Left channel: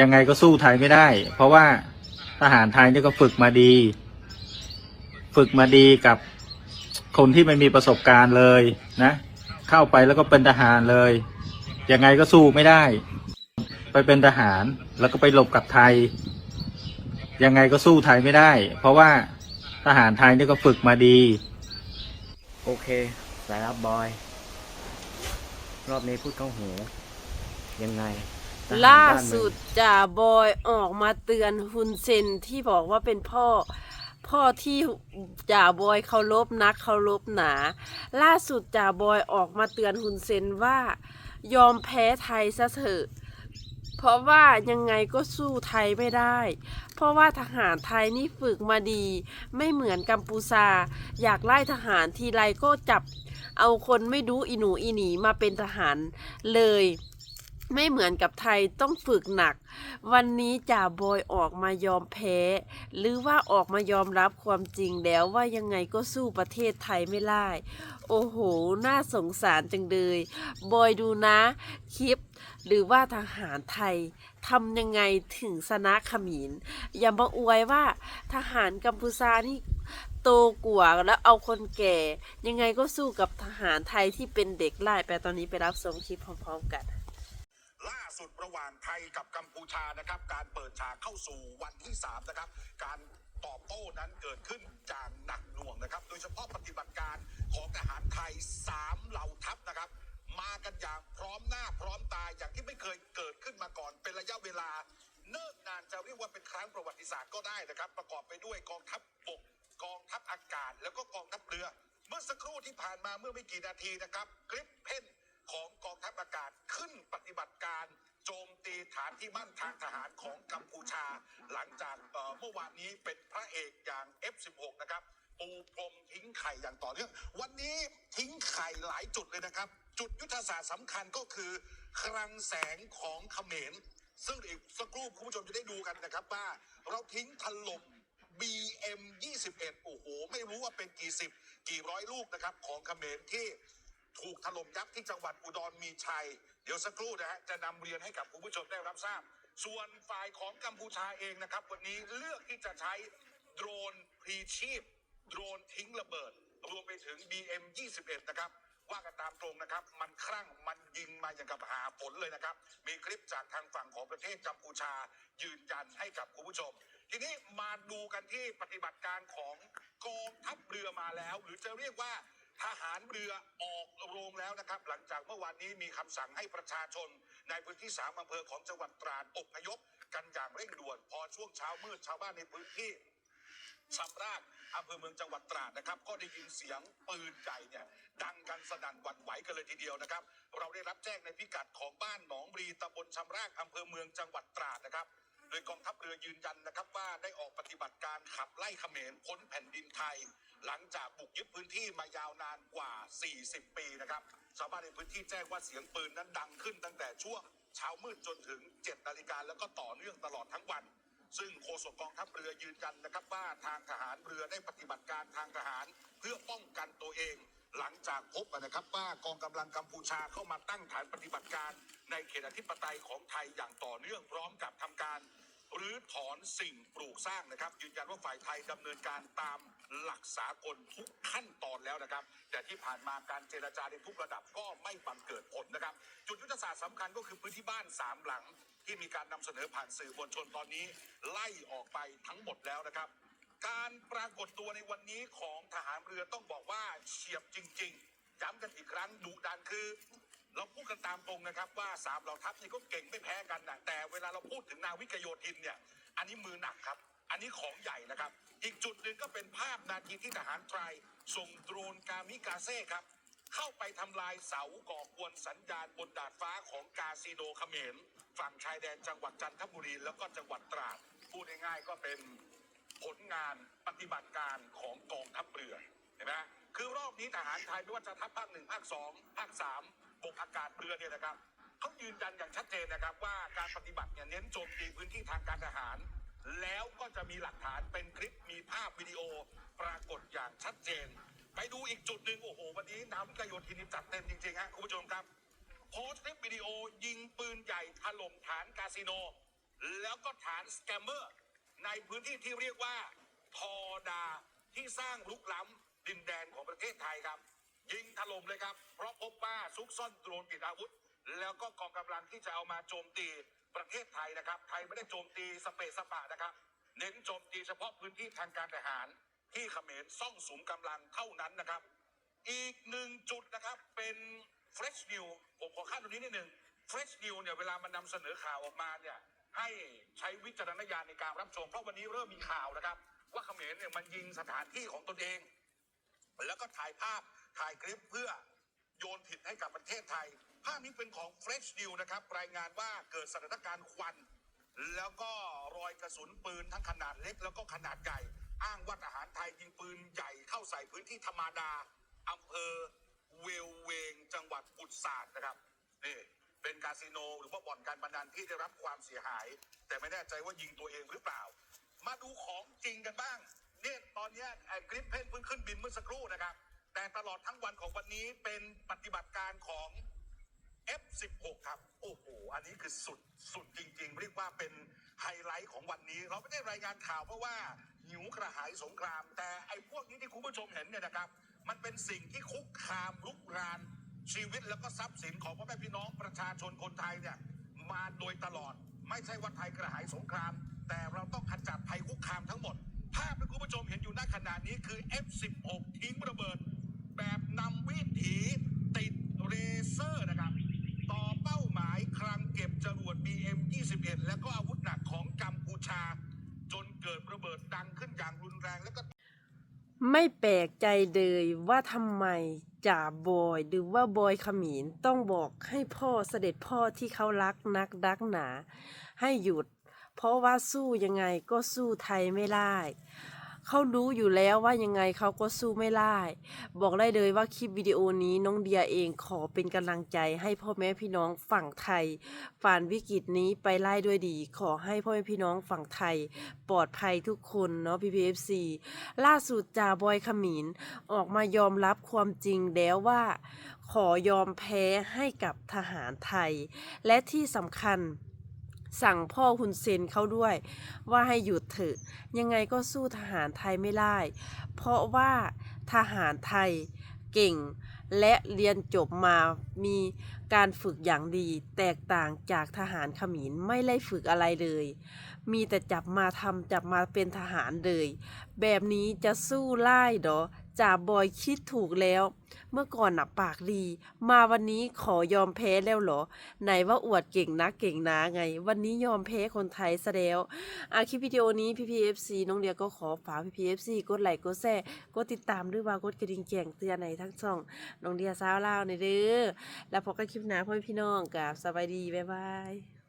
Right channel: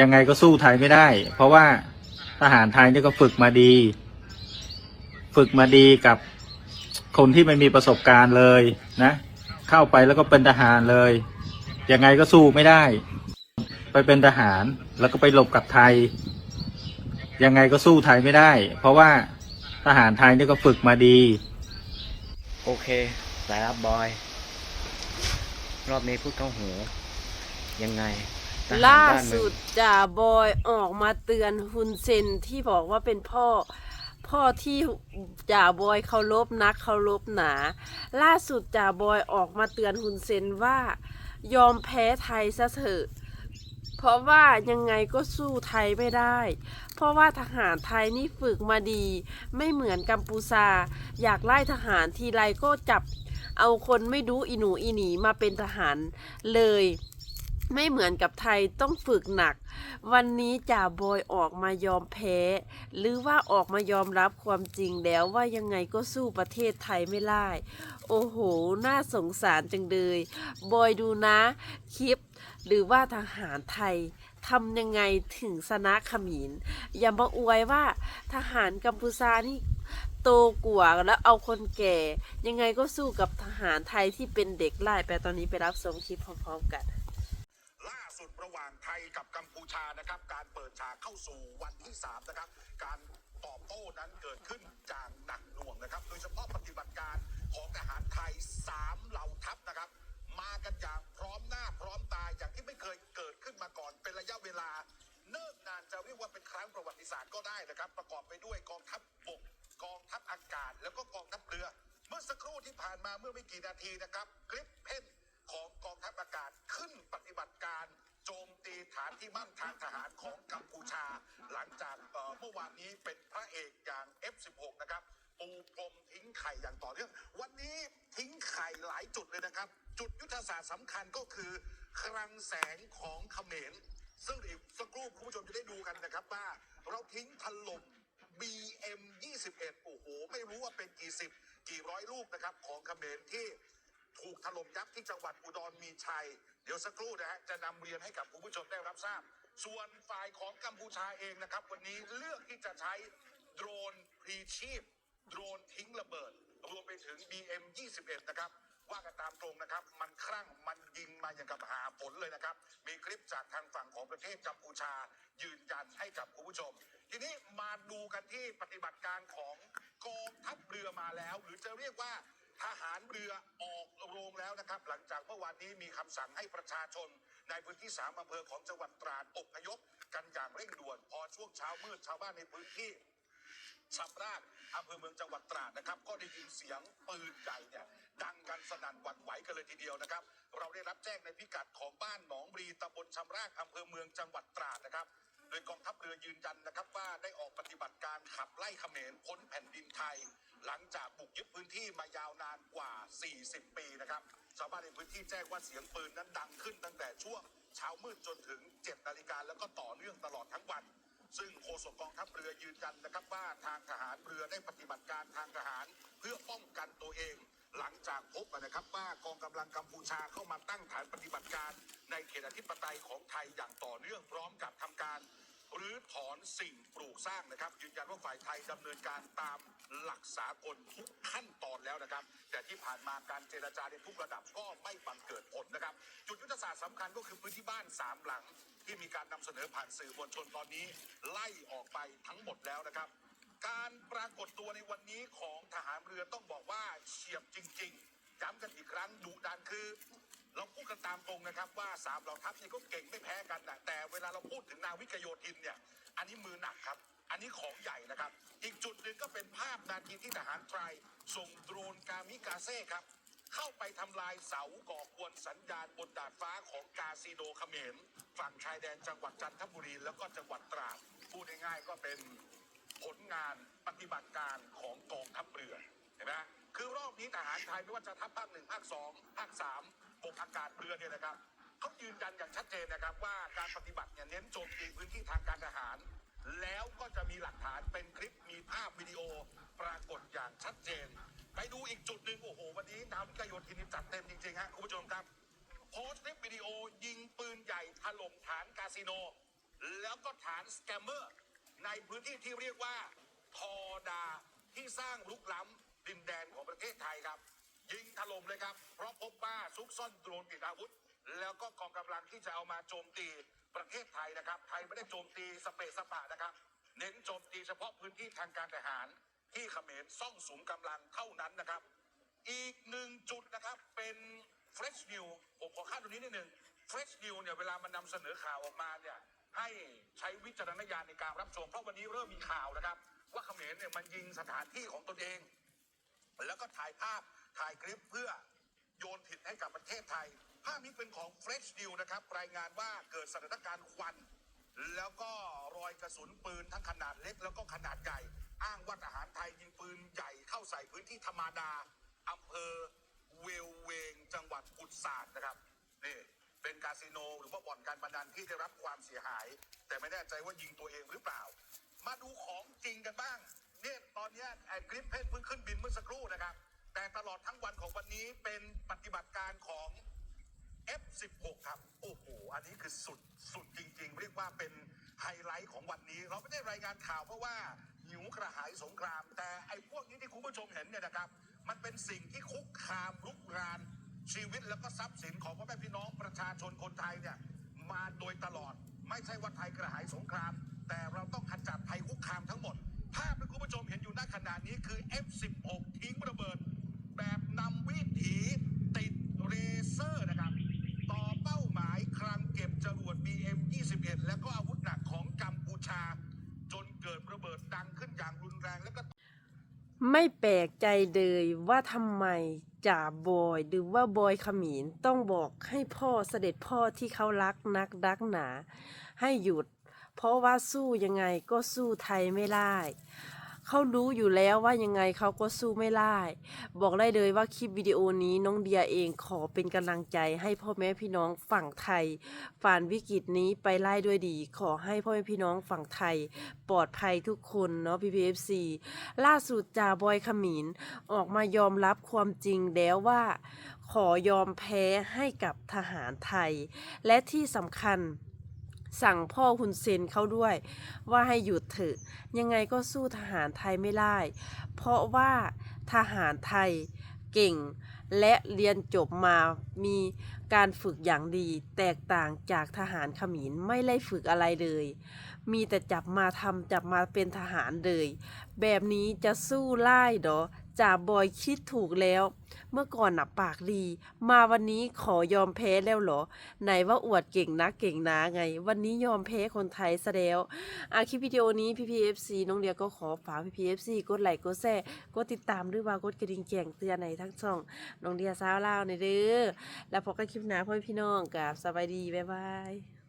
ยังไงก็สู้ไทยไม่ได้ เพราะว่าทหารไทยนี่ก็ฝึกมาดี ฝึกมาดีกับคนที่ไม่มีประสบการณ์เลยนะ เข้าไปแล้วก็เป็นทหารเลย ยังไงก็สู้ไม่ได้ ไปเป็นทหารแล้วก็ไปหลบกับไทย ยังไงก็สู้ไทยไม่ได้ เพราะว่าทหารไทยนี่ก็ฝึกมาดี โอเค สายรับบอย รอบนี้พูดเข้าหู ยังไง ทหรล่าบ้นมึงสุดจ่าบอยออกมาเตือนฮุนเซนที่บอกว่าเป็นพ่อ พ่อที่จ่าบอยเคารพนักเคารพหนา ล่าสุดจ่าบอยออกมาเตือนฮุนเซนว่า ยอมแพ้ไทยซะเถอะ เพราะว่ายังไงก็สู้ไทยไม่ได้ เพราะว่าทหารไทยนี่ฝึกมาดี ไม่เหมือนกัมพูชาอยากไล่ทหารทีไรก็จับ เอาคนไม่รู้อีหนูอีหนีมาเป็นทหารเลย ไม่เหมือนกับไทยต้องฝึกหนัก วันนี้จ่าบอยออกมายอมแพ้ หรือว่าออกมายอมรับความจริงแล้วว่ายังไงก็สู้ประเทศไทยไม่ได้ โอ้โห น่าสงสารจังเลย บอยดูนะ คลิป หรือว่าทหารไทยทำยังไงถึงชนะขมินอย่ามาอวยว่าทหารกัมพูชานี่โตกว่าแล้วเอาคนแก่ ยังไงก็สู้กับทหารไทยที่เป็นเด็กไล่ไปตอนนี้ไปรับชมคลิปพร้อมๆกัน สุดระหว่างไทยกับกัมพูชานะครับ การเปิดฉากเข้าสู่วันที่3นะครับ การตอบโต้นั้นเกิดขึ้นอย่างหนักหน่วงนะครับ โดยเฉพาะปฏิบัติการของทหารไทย 3 เหล่าทัพนะครับ มากันอย่างพร้อมหน้าพร้อมตาอย่างที่ไม่เคยเกิดขึ้นมาก่อนเป็นระยะเวลา เนิ่นนานจะเรียกว่าเป็นครั้งประวัติศาสตร์ก็ได้นะครับ ประกอบไปด้วยกองทัพบกกองทัพอากาศ แล้วก็กองทัพเรือ เมื่อสักครู่ที่ผ่านมาเมื่อไม่กี่นาทีนะครับคลิปเพ่นของกองทัพอากาศขึ้นปฏิบัติการ โจมตีฐานที่มั่นทางทหารของกัมพูชา หลังจากเมื่อวานนี้เป็นพระเอกอย่าง F16 นะครับปูพรมทิ้งไข่อย่างต่อเนื่อง วันนี้ทิ้งไข่หลายจุดเลยนะครับ จุดยุทธศาสตร์สำคัญก็คือ คลังแสงของเขมร ซึ่งอีกสักครู่คุณผู้ชมจะได้ดูกันนะครับว่าเราทิ้งถล่ม BM 21 โอ้โห ไม่รู้ว่าเป็นกี่สิบ กี่ร้อยลูกนะครับ ของเขมรที่ถูกถล่มยับที่จังหวัดอุดรมีชัย เดี๋ยวสักครู่นะฮะจะนำเรียนให้กับคุณผู้ชมได้รับทราบ ส่วนฝ่ายของกัมพูชาเองนะครับ วันนี้เลือกที่จะใช้โดรนพลีชีพ โดรนทิ้งระเบิด รวมไปถึง BM 21นะครับว่ากันตามตรงนะครับ มันคลั่งมันยิงมาอย่างกับหาฝนเลยนะครับ มีคลิปจากทางฝั่งของประเทศกัมพูชายืนยันให้กับคุณผู้ชม ทีนี้มาดูกันที่ปฏิบัติการของกองทัพเรือมาแล้ว หรือจะเรียกว่าทหารเรือออ โรงแล้วนะครับ หลังจากเมื่อวานนี้มีคำสั่งให้ประชาชน ในพื้นที่สามอำเภอของจังหวัดตราดอบพยพ กันอย่างเร่งด่วน พอช่วงเช้ามืดชาวบ้านในพื้นที่ชำราบอำเภอเมืองจังหวัดตราดนะครับ ก็ได้ยินเสียงปืนใหญ่เนี่ยดังกันสนั่นหวั่นไหวกันเลยทีเดียวนะครับ เราได้รับแจ้งในพิกัดของบ้านหนองบรีตำบลชำรากอำเภอเมืองจังหวัดตราดนะครับโดยกองทัพเรือยืนยันนะครับว่าได้ออกปฏิบัติการขับไล่เขมรพ้นแผ่นดินไทย นะครับชาวบ้านในพื้นที่แจ้งว่าเสียงปืนนั้นดังขึ้นตั้งแต่ช่วงเช้ามืดจนถึง 7 นาฬิกาแล้วก็ต่อเนื่องตลอดทั้งวัน ซึ่งโฆษกกองทัพเรือยืนยันนะครับว่าทางทหารเรือได้ปฏิบัติการทางทหารเพื่อป้องกันตัวเอง หลังจากพบนะครับว่ากองกำลังกัมพูชาเข้ามาตั้งฐานปฏิบัติการ ในเขตอธิปไตยของไทยอย่างต่อเนื่องพร้อมกับทำกา รหรือถอนสิ่งปลูกสร้างนะครับ ยืนยันว่าฝ่ายไทยดำเนินการตามหลักสากลทุกขั้นตอนแล้วนะครับ แต่ที่ผ่านมาการเจรจาในทุกระดับก็ไม่บังเกิดผลนะครับ จุดยุทธศาสตร์สำคัญก็คือพื้นที่บ้านสามหลัง ที่มีการนำเสนอผ่านสื่อมวลชนตอนนี้ ไล่ออกไปทั้งหมดแล้วนะครับ การปรากฏตัวในวันนี้ของทหารเรือต้องบอกว่าเฉียบจริง ๆย้ำกันอีกครั้งดุดันคือ เราพูดกันตามตรงนะครับว่าสามเหล่าทัพนี่ก็เก่งไม่แพ้กันนะแต่เวลาเราพูดถึงนาวิกโยธินเนี่ย อันนี้มือหนักครับ อันนี้ของใหญ่นะครับ อีกจุดหนึ่งก็เป็นภาพนาทีที่ทหารไทยส่งโดรนกามิกาเซ่ครับ เข้าไปทำลายเสาก่อกวนสัญญาณบนดาดฟ้าของกาซิโดเขมรฝั่งชายแดนจังหวัดจันทบุรีแล้วก็จังหวัดตราดพูดง่ายๆก็เป็นผลงานปฏิบัติการของกองทัพเรือเห็นไหมคือรอบนี้ทหารไทยไม่ว่าจะทัพภาคหนึ่งภาคสองภาคสาม กอากาศเรือเนี่ยนะครับเขายืนยันอย่างชัดเจนนะครับว่าการปฏิบัติเนี่ยเน้นโจมตีพื้นที่ทางการทหาร แล้วก็จะมีหลักฐานเป็นคลิปมีภาพวิดีโอปรากฏอย่างชัดเจน ไปดูอีกจุดหนึ่งโอ้โห วันนี้นาวิกโยธินนี่จัดเต็มจริงๆฮะคุณผู้ชมครับโพสต์คลิปวิดีโอยิงปืนใหญ่ถล่มฐานคาสิโน แล้วก็ฐานสแกมเมอร์ ในพื้นที่ที่เรียกว่าทอดาที่สร้างลุกล้ำดินแดนของประเทศไทยครับ ยิงถล่มเลยครับ เพราะพบว่าซุกซ่อนโดรนติดอาวุธ แล้วก็กองกำลังที่จะเอามาโจมตีประเทศไทยนะครับ ไทยไม่ได้โจมตีสเปซสปะนะครับ เน้นโจมตีเฉพาะพื้นที่ทางการทหาร ที่เขมรซ่องสุมกำลังเท่านั้นนะครับ อีกหนึ่งจุดนะครับเป็น Fresh New ผมขอข้ามตรงนี้นิดหนึ่ง Fresh New เนี่ยเวลามันนำเสนอข่าวออกมาเนี่ยให้ใช้วิจารณญาณในการรับชมเพราะวันนี้เริ่มมีข่าวนะครับ ว่าเขมรเนี่ยมันยิงสถานที่ของตนเอง แล้วก็ถ่ายภาพ ถ่ายคลิปเพื่อโยนผิดให้กับประเทศไทย ภาพนี้เป็นของ Fresh New นะครับ รายงานว่าเกิดสถานการณ์ควัน แล้วก็รอยกระสุนปืนทั้งขนาดเล็กแล้วก็ขนาดใหญ่ อ้างว่าทหารไทยยิงปืนใหญ่เข้าใส่พื้นที่ธรรมาดาอำเภอเวลเวง จังหวัดปุตสาดนะครับนี่เป็นคาสิโนหรือว่าบ่อนการพนันที่ได้รับความเสียหาย แต่ไม่แน่ใจว่ายิงตัวเองหรือเปล่า มาดูของจริงกันบ้างเนี่ยตอนนี้ไอ้คลิปเพนเพิ่งขึ้นบินเมื่อสักครู่นะครับ แต่ตลอดทั้งวันของวันนี้เป็นปฏิบัติการของ F16 ครับ โอ้โห อันนี้คือสุดสุดจริง ๆ เรียกว่าเป็นไฮไลท์ของวันนี้ เราไม่ได้รายงานข่าวเพราะว่าหิวกระหายสงคราม แต่ไอ้พวกนี้ที่คุณผู้ชมเห็นเนี่ยนะครับ มันเป็นสิ่งที่คุกคามลุกรานชีวิตแล้วก็ทรัพย์สินของพ่อแม่พี่น้องประชาชนคนไทยเนี่ยมาโดยตลอด ไม่ใช่ว่าไทยกระหายสงคราม แต่เราต้องขจัดภัยคุกคามทั้งหมด ภาพที่คุณผู้ชมเห็นอยู่ณขณะนี้คือ F16 ทิ้งระเบิดำวิถีติดเรเซอร์นะครับ ต่อเป้าหมายคลังเก็บจรวด BM 21 แล้วก็อาวุธหนักของกัมพูชา จนเกิดระเบิดดังขึ้นอย่างรุนแรงแล้วก็ไม่แปลกใจเลยว่าทำไมจ่าบอยหรือว่าบอยขมินต้องบอกให้พ่อเสด็จพ่อที่เขารักนักรักหนา ให้หยุด เพราะว่าสู้ยังไงก็สู้ไทยไม่ได้ เขารู้อยู่แล้วว่ายังไงเขาก็สู้ไม่ได้บอกได้เลยว่าคลิปวิดีโอนี้น้องเดียเองขอเป็นกำลังใจให้พ่อแม่พี่น้องฝั่งไทยฝ่านวิกฤตนี้ไปไล่ด้วยดี ขอให้พ่อแม่พี่น้องฝั่งไทย ปลอดภัยทุกคนเนาะ PPFC ล่าสุดจ่าบอยขมินออกมายอมรับความจริงแล้วว่าขอยอมแพ้ให้กับทหารไทย และที่สำคัญ สั่งพ่อฮุนเซนเขาด้วย ว่าให้หยุดเถอะ ยังไงก็สู้ทหารไทยไม่ได้ เพราะว่าทหารไทยเก่งและเรียนจบมามีการฝึกอย่างดีแตกต่างจากทหารขมรไม่ได้ฝึกอะไรเลย มีแต่จับมาทำจับมาเป็นทหารเลย แบบนี้จะสู้ไล่ดอจ่าบอยคิดถูกแล้ว เมื่อก่อนหน่ะปากดี มาวันนี้ขอยอมแพ้แล้วเหรอ ไหนว่าอวดเก่งนะเก่งนะไง วันนี้ยอมแพ้คนไทยซะแล้วอาคลิปวิดีโอนี้ PPFC น้องเดียก็ขอฝาก PPFC กดไลค์กดแชร์กดติดตามด้วยว่ากดกระดิ่งแจ้งเตือนในทั้งช่อง น้องเดียสาวเล่าในเด้อแล้วพบกันคลิปหน้าพ่อพี่น้องกับสบายดี บ๊ายบาย